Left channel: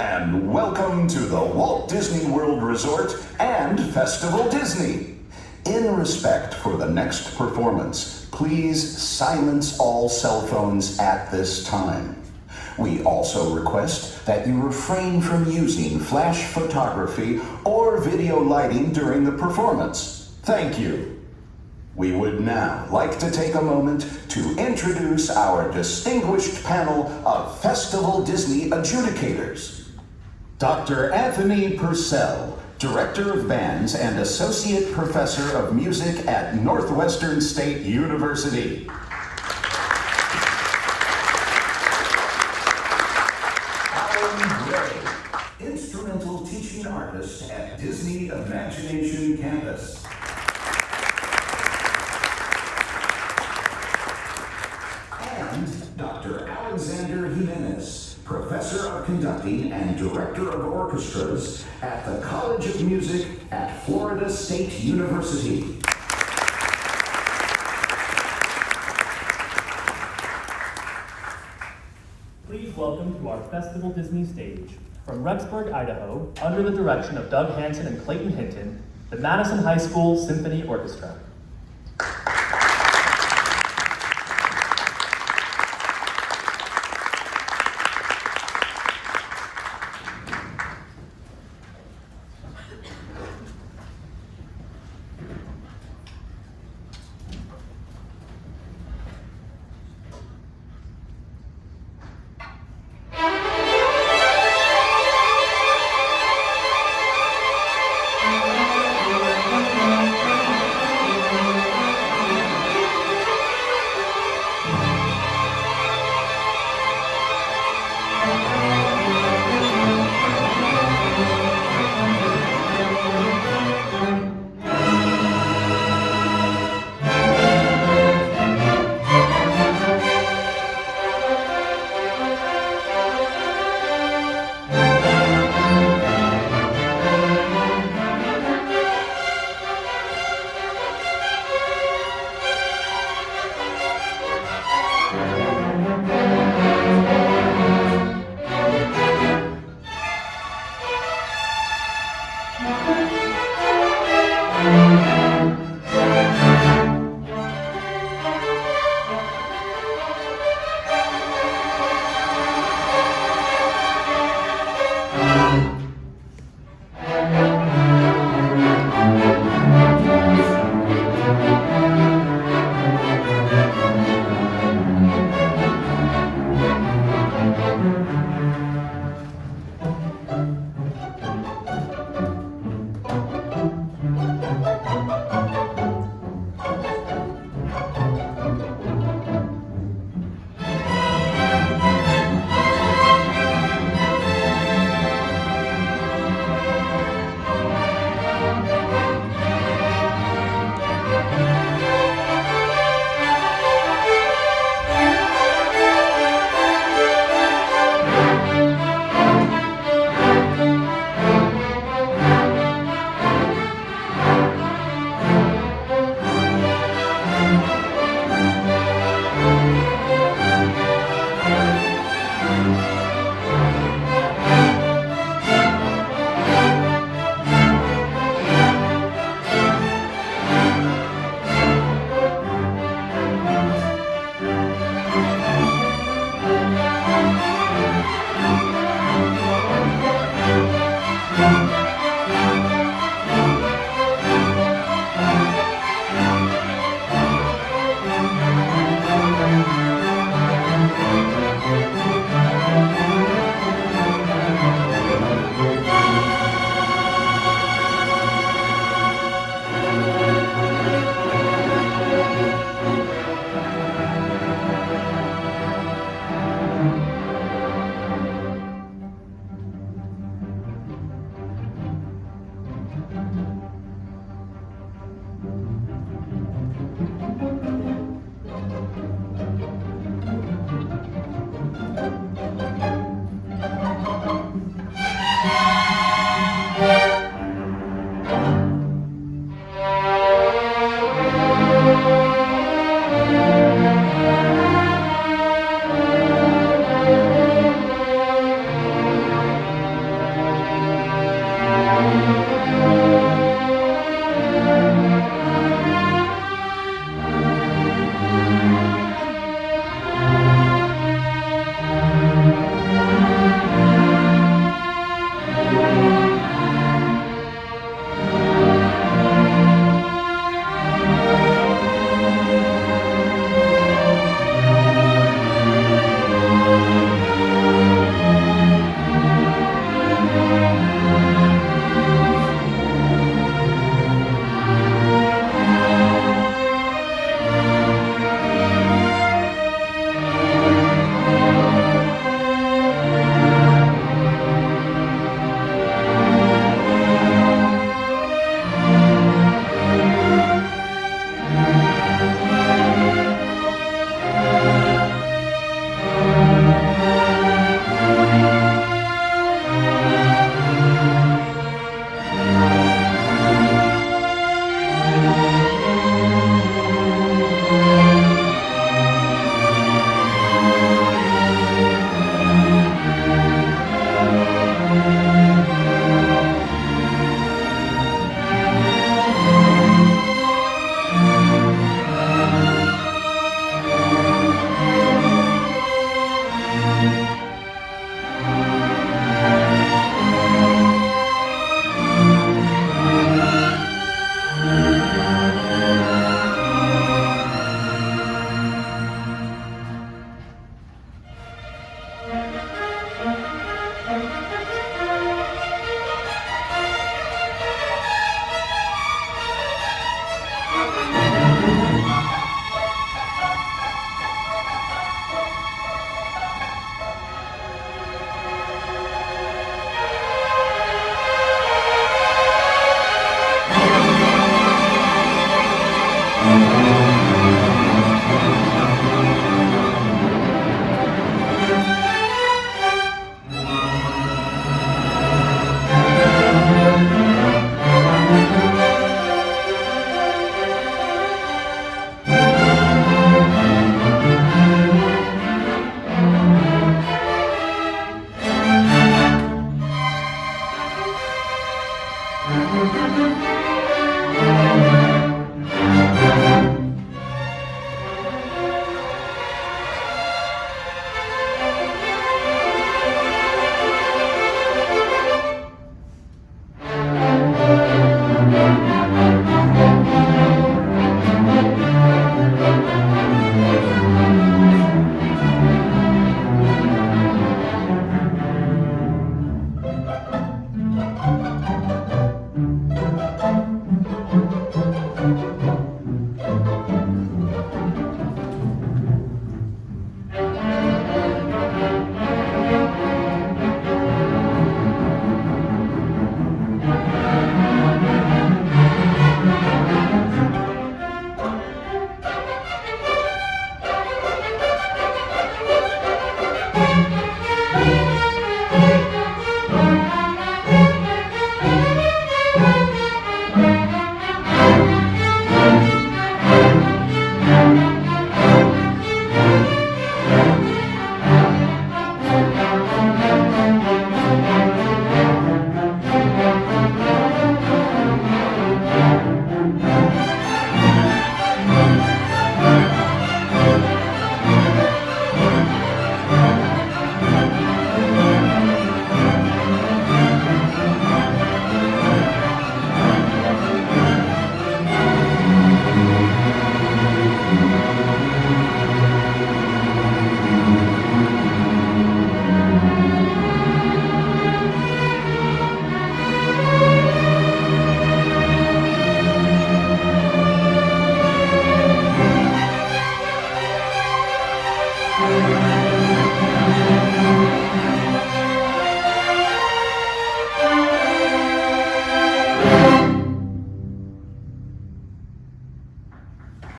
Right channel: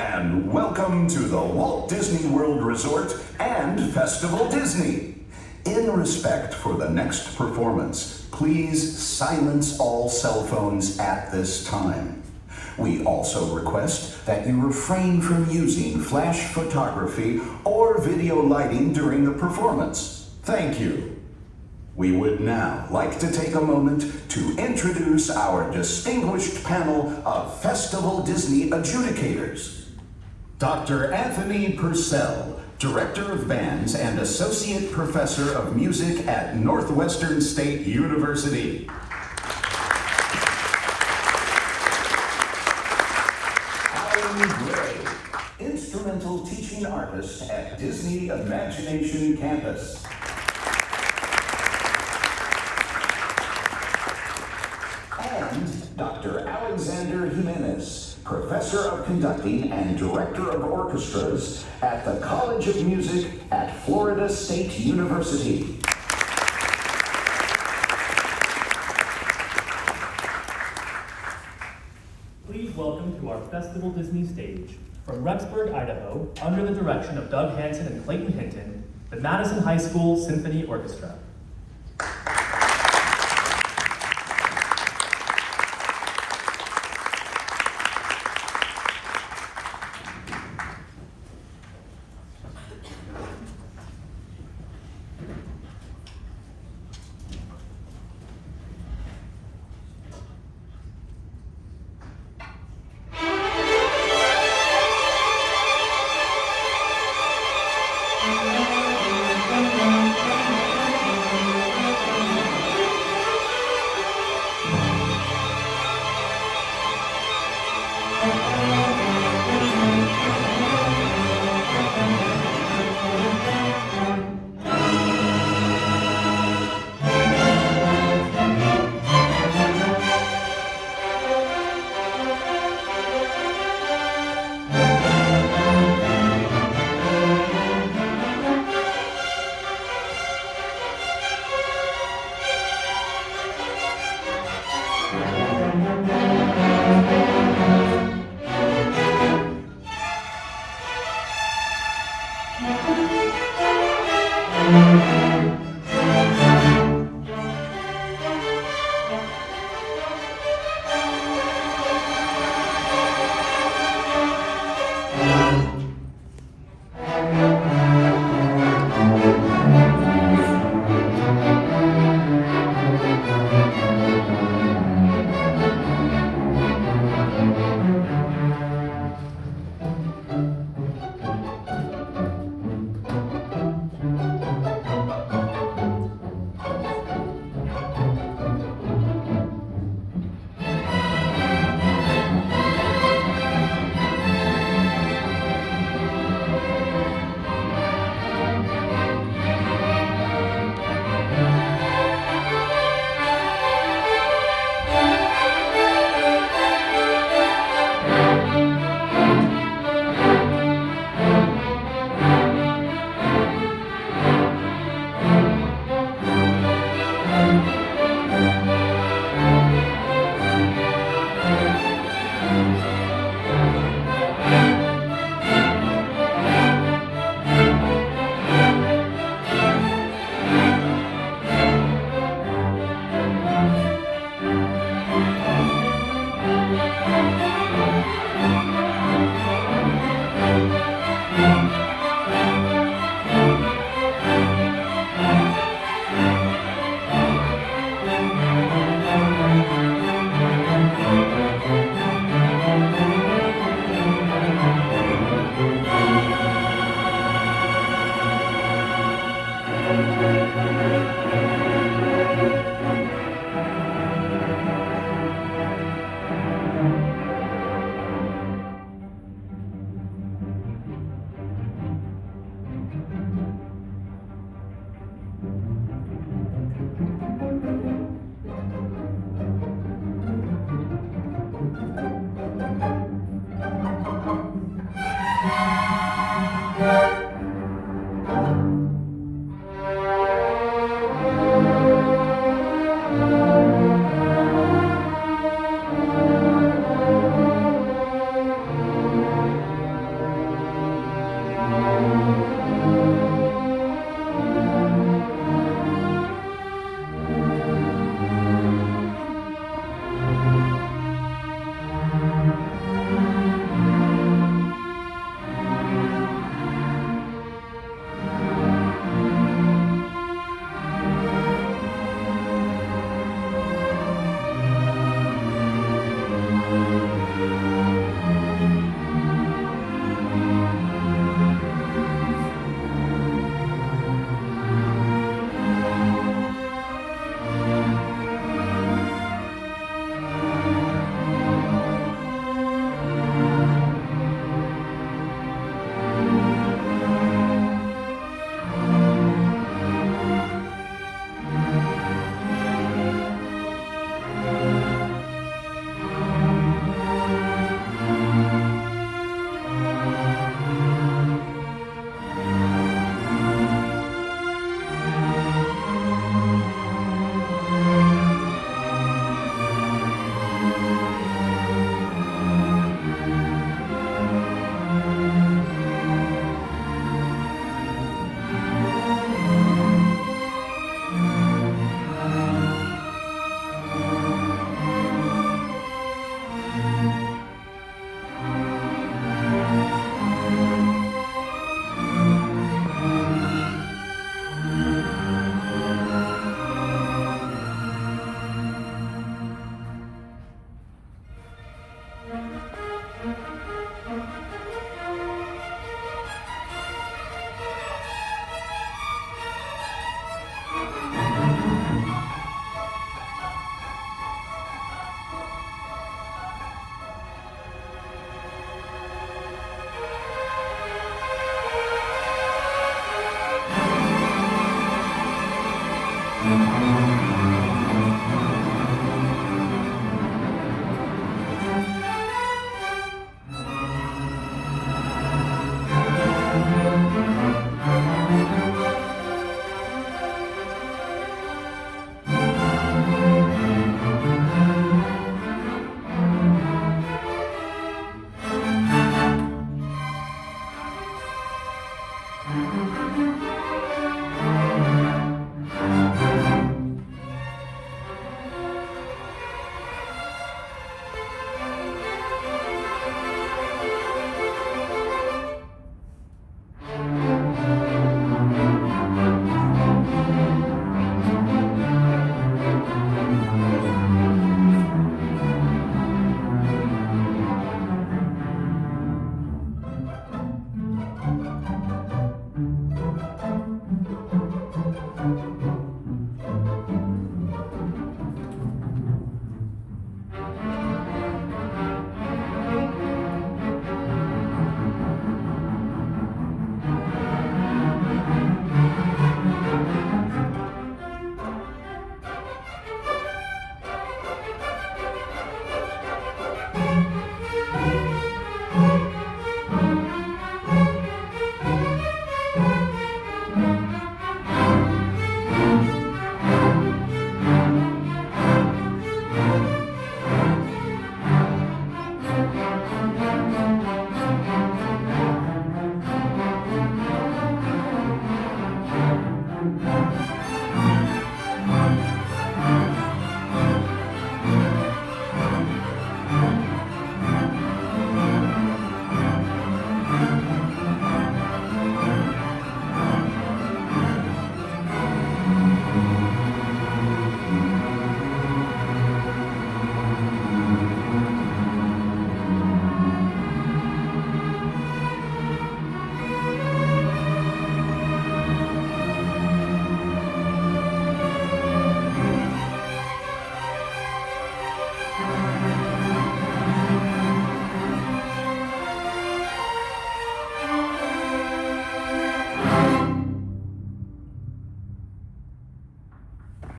and welcome to the Walt Disney World Resort and Festival Disney. In respect for the next performance, please silence all cell phones at this time. We also request that you refrain from using flash photography or video lighting during the performance. Thank you. We would now like to take a moment to introduce our distinguished panel of Festival Disney adjudicators. Dr. Anthony Purcell, Director of Bands and Associate Professor of Music at Northwestern State University. Alan Gray, Instrumental Teaching Artist at Disney Imagination Campus. And Dr. Alexander Jimenez, Professor of Conducting and Director of Orchestras at the College of Music at Florida State University. Please welcome to our Festival Disney stage, from Rexburg, Idaho, under the direction of Doug Hansen and Clayton Hinton, the Madison High School Symphony Orchestra.